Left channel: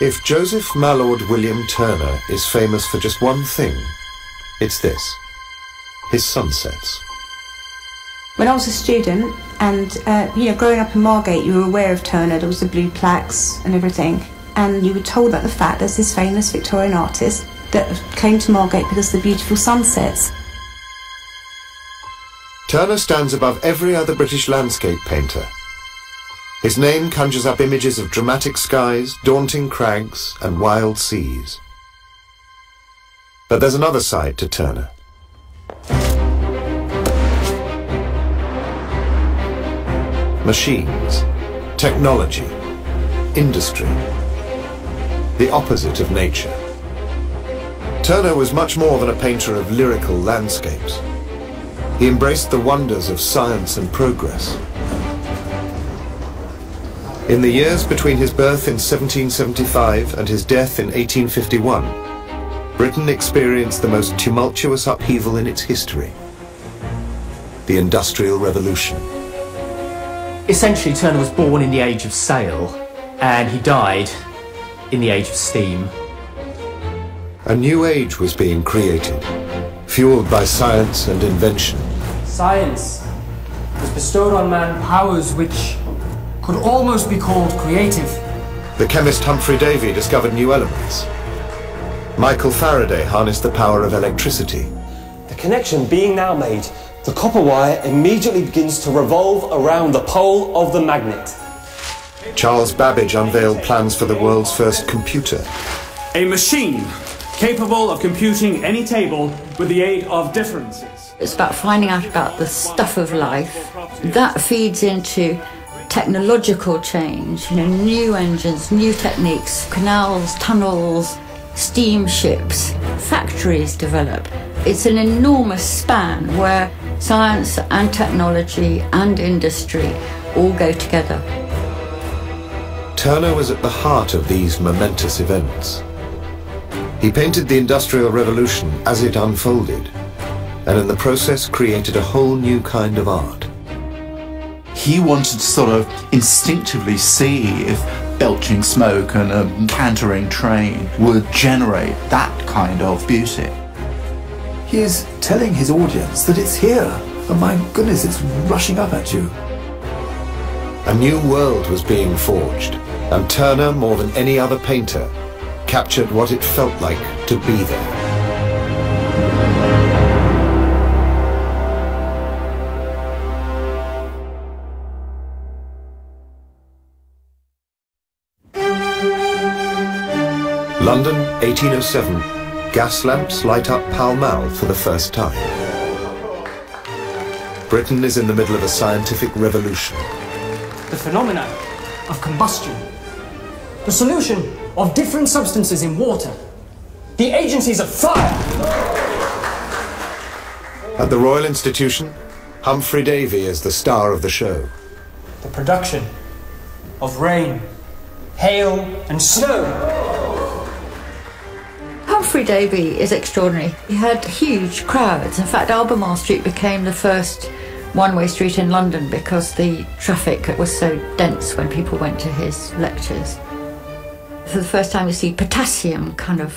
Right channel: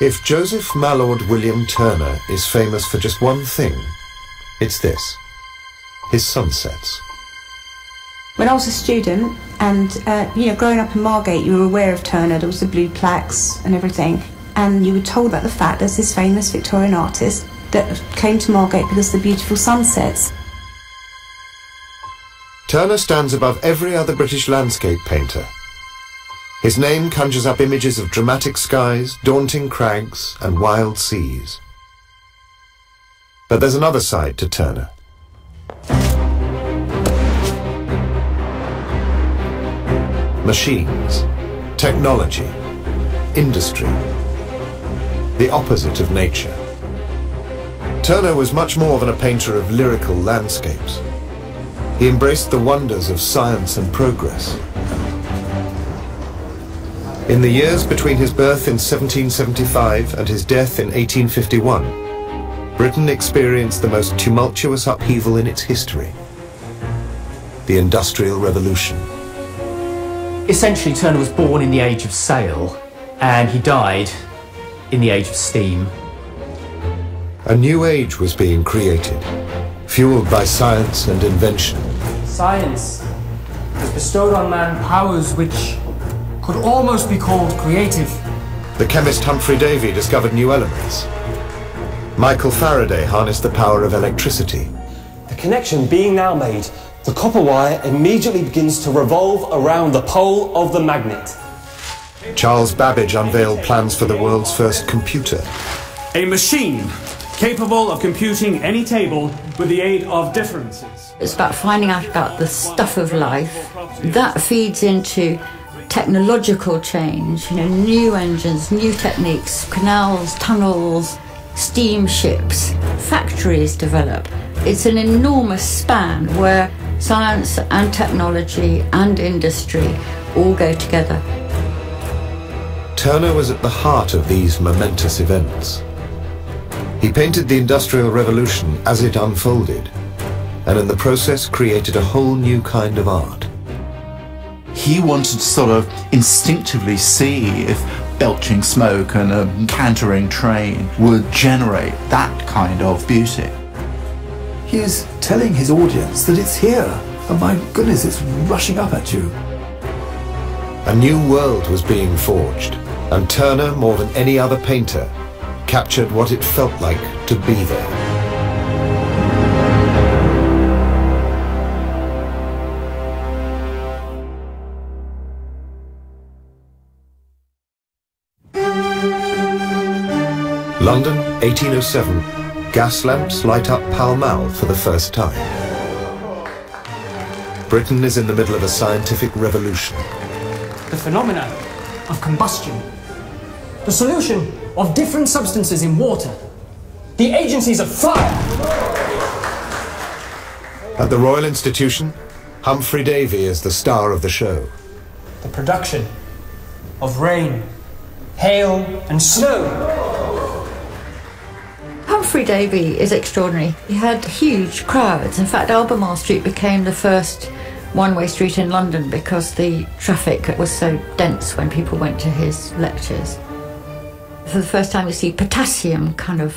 If Joseph Mallord William Turner is famous for just one thing, it's this: his sunsets. When I was a student, and growing up in Margate, you were aware of Turner. There was the blue plaques and everything, and you were told about the fact there's this famous Victorian artist that came to Margate because of the beautiful sunsets. Turner stands above every other British landscape painter. His name conjures up images of dramatic skies, daunting crags, and wild seas. But there's another side to Turner. Machines, technology, industry, the opposite of nature. Turner was much more than a painter of lyrical landscapes. He embraced the wonders of science and progress. In the years between his birth in 1775 and his death in 1851, Britain experienced the most tumultuous upheaval in its history: the Industrial Revolution. Essentially, Turner was born in the age of sail, and he died in the age of steam. A new age was being created, fueled by science and invention. Science has bestowed on man powers which could almost be called creative. The chemist Humphrey Davy discovered new elements. Michael Faraday harnessed the power of electricity. The connection being now made, the copper wire immediately begins to revolve around the pole of the magnet. Charles Babbage unveiled plans for the world's first computer. A machine capable of computing any table with the aid of differences. It's about finding out about the stuff of life. That feeds into technological change, new engines, new techniques, canals, tunnels, steamships, factories develop. It's an enormous span where science and technology and industry all go together. Turner was at the heart of these momentous events. He painted the Industrial Revolution as it unfolded, and in the process created a whole new kind of art. He wanted to sort of instinctively see if belching smoke and a cantering train would generate that kind of beauty. He is telling his audience that it's here, and my goodness, it's rushing up at you. A new world was being forged, and Turner, more than any other painter, captured what it felt like to be there. London, 1807. Gas lamps light up Pall Mall for the first time. Britain is in the middle of a scientific revolution. The phenomena of combustion, the solution of different substances in water, the agencies of fire. At the Royal Institution, Humphrey Davy is the star of the show. The production of rain, hail, and snow. Humphrey Davy is extraordinary. He had huge crowds. In fact, Albemarle Street became the first one-way street in London because the traffic was so dense when people went to his lectures. For the first time you see potassium kind of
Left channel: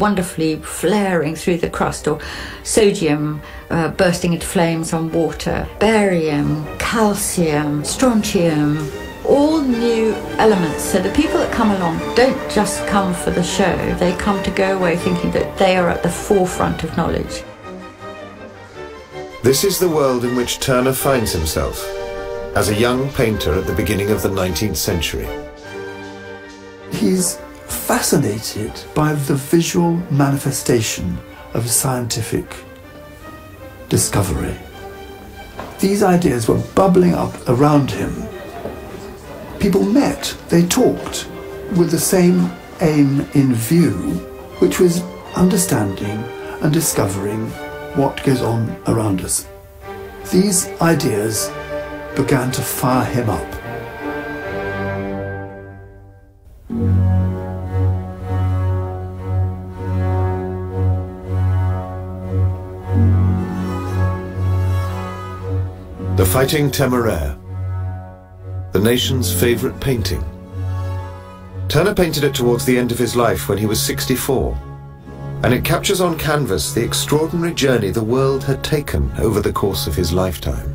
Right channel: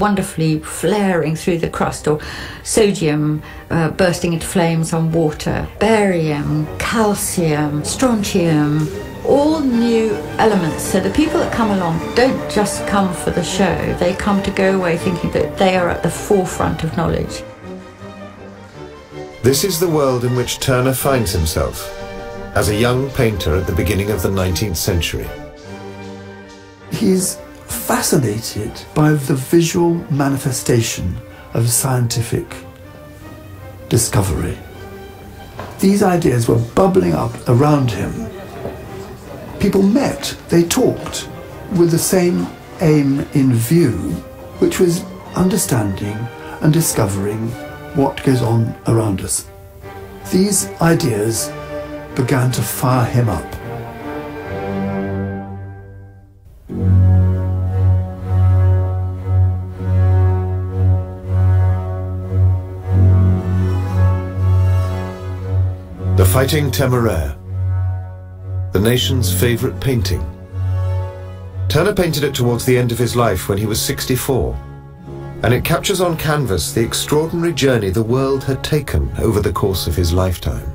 wonderfully flaring through the crust, or sodium bursting into flames on water, barium, calcium, strontium, all new elements. So the people that come along don't just come for the show, they come to go away thinking that they are at the forefront of knowledge. This is the world in which Turner finds himself as a young painter at the beginning of the 19th century. He's fascinated by the visual manifestation of scientific discovery. These ideas were bubbling up around him. People met, they talked, with the same aim in view, which was understanding and discovering what goes on around us. These ideas began to fire him up. The Fighting Temeraire, the nation's favourite painting, Turner painted it towards the end of his life when he was 64, and it captures on canvas the extraordinary journey the world had taken over the course of his lifetime.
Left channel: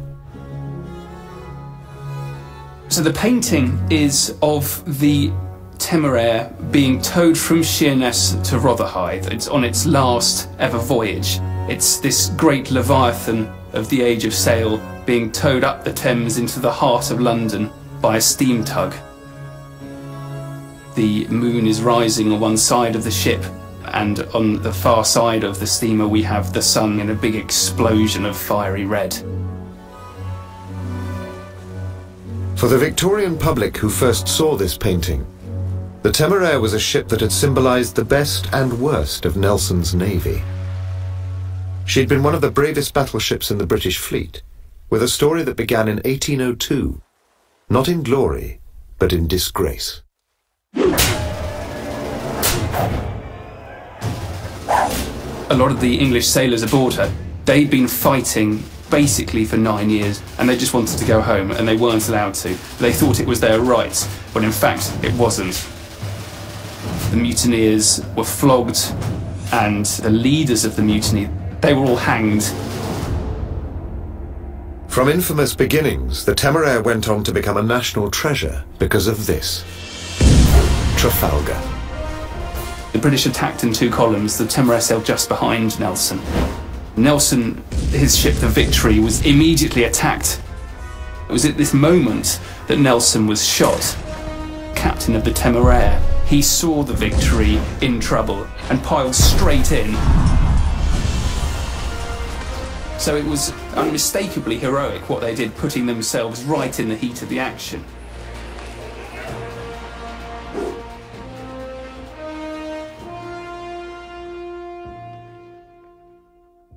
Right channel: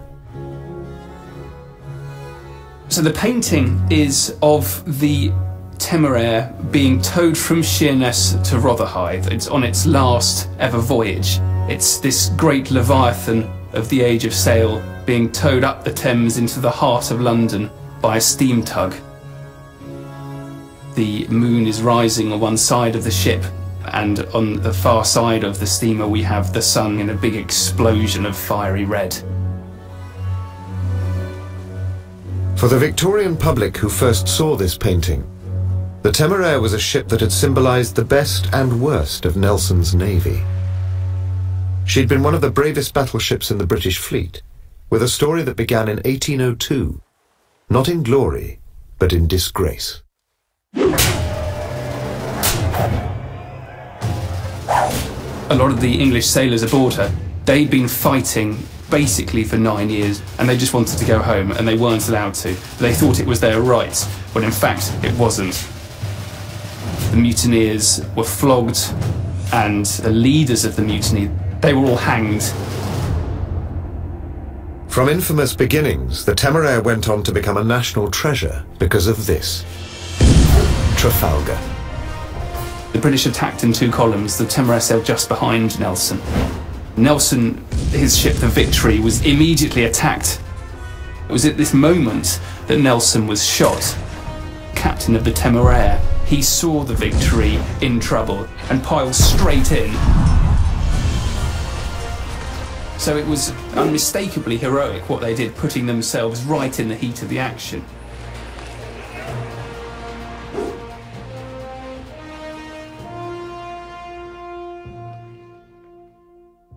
So the painting is of the Temeraire being towed from Sheerness to Rotherhithe. It's on its last ever voyage. It's this great leviathan of the age of sail being towed up the Thames into the heart of London by a steam tug. The moon is rising on one side of the ship, and on the far side of the steamer we have the sun in a big explosion of fiery red. For the Victorian public who first saw this painting, the Temeraire was a ship that had symbolised the best and worst of Nelson's navy. She'd been one of the bravest battleships in the British fleet, with a story that began in 1802, not in glory, but in disgrace. A lot of the English sailors aboard her, they'd been fighting basically for 9 years, and they just wanted to go home, and they weren't allowed to. They thought it was their right, when in fact it wasn't. The mutineers were flogged, and the leaders of the mutiny, they were all hanged. From infamous beginnings, the Temeraire went on to become a national treasure because of this: Trafalgar. The British attacked in 2 columns. The Temeraire sailed just behind Nelson. Nelson, his ship, the Victory, was immediately attacked. It was at this moment that Nelson was shot. Captain of the Temeraire, he saw the Victory in trouble and piled straight in. So it was unmistakably heroic what they did, putting themselves right in the heat of the action.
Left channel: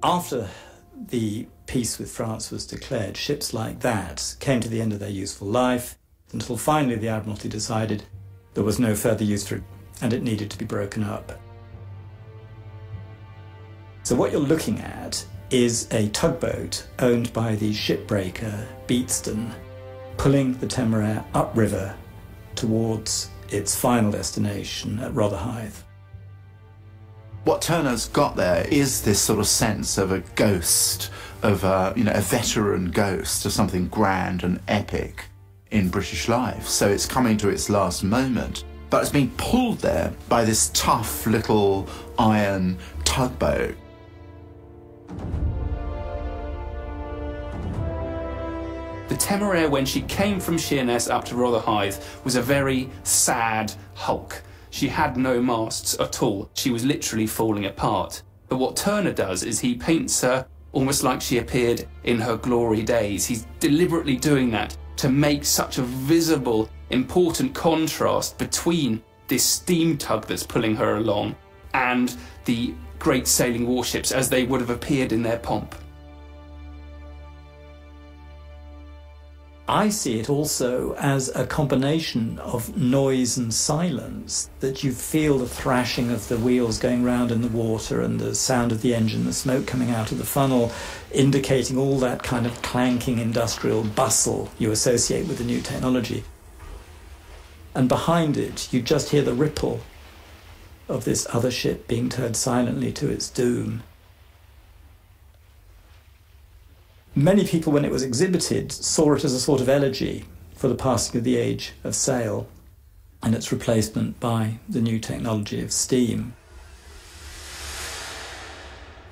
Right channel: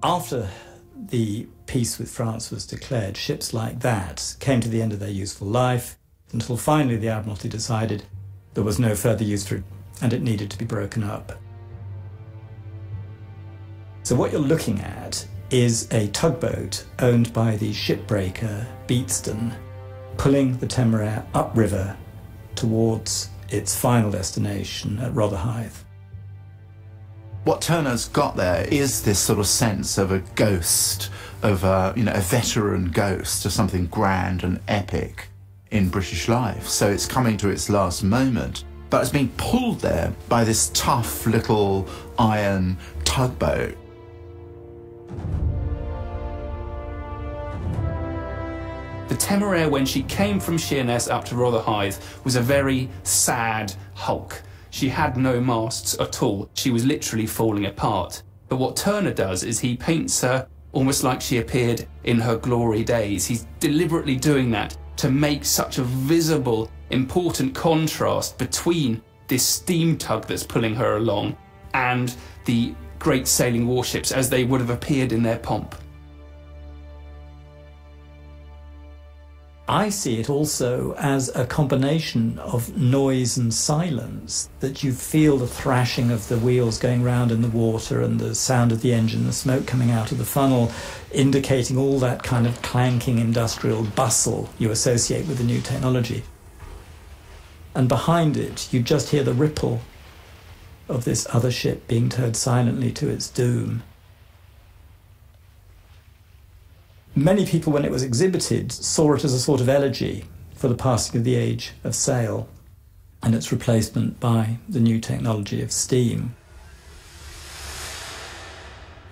After the peace with France was declared, ships like that came to the end of their useful life until finally the Admiralty decided there was no further use for it and it needed to be broken up. So what you're looking at is a tugboat owned by the shipbreaker Beatston pulling the Temeraire upriver towards its final destination at Rotherhithe. What Turner's got there is this sort of sense of a ghost, of a veteran ghost, of something grand and epic in British life. So it's coming to its last moment, but it's being pulled there by this tough little iron tugboat. The Temeraire, when she came from Sheerness up to Rotherhithe, was a very sad hulk. She had no masts at all. She was literally falling apart. But what Turner does is he paints her almost like she appeared in her glory days. He's deliberately doing that to make such a visible, important contrast between this steam tug that's pulling her along and the great sailing warships as they would have appeared in their pomp. I see it also as a combination of noise and silence, that you feel the thrashing of the wheels going round in the water and the sound of the engine, the smoke coming out of the funnel, indicating all that kind of clanking industrial bustle you associate with the new technology. And behind it, you just hear the ripple of this other ship being towed silently to its doom. Many people, when it was exhibited, saw it as a sort of elegy for the passing of the age of sail and its replacement by the new technology of steam.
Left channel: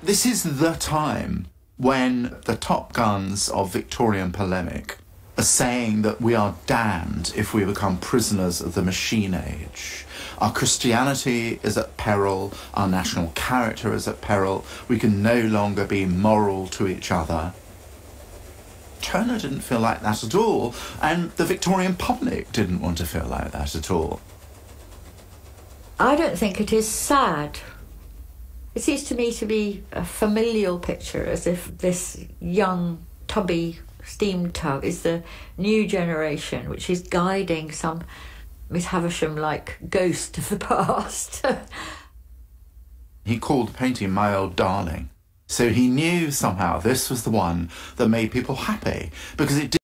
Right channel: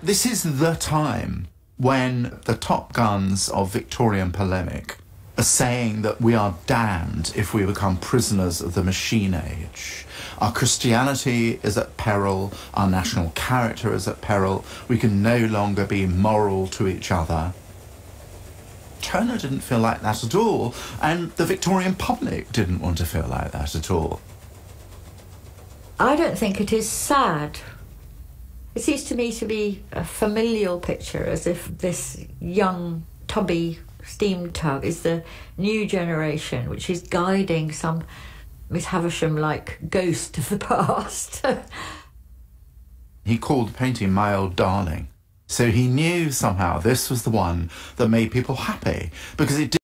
This is the time when the top guns of Victorian polemic are saying that we are damned if we become prisoners of the machine age. Our Christianity is at peril, our national character is at peril, we can no longer be moral to each other. Turner didn't feel like that at all, and the Victorian public didn't want to feel like that at all. I don't think it is sad. It seems to me to be a familial picture, as if this young, tubby steam tug is the new generation, which is guiding some Miss Havisham-like ghost of the past. He called the painting My Old Darling. So he knew somehow this was the one that made people happy, because it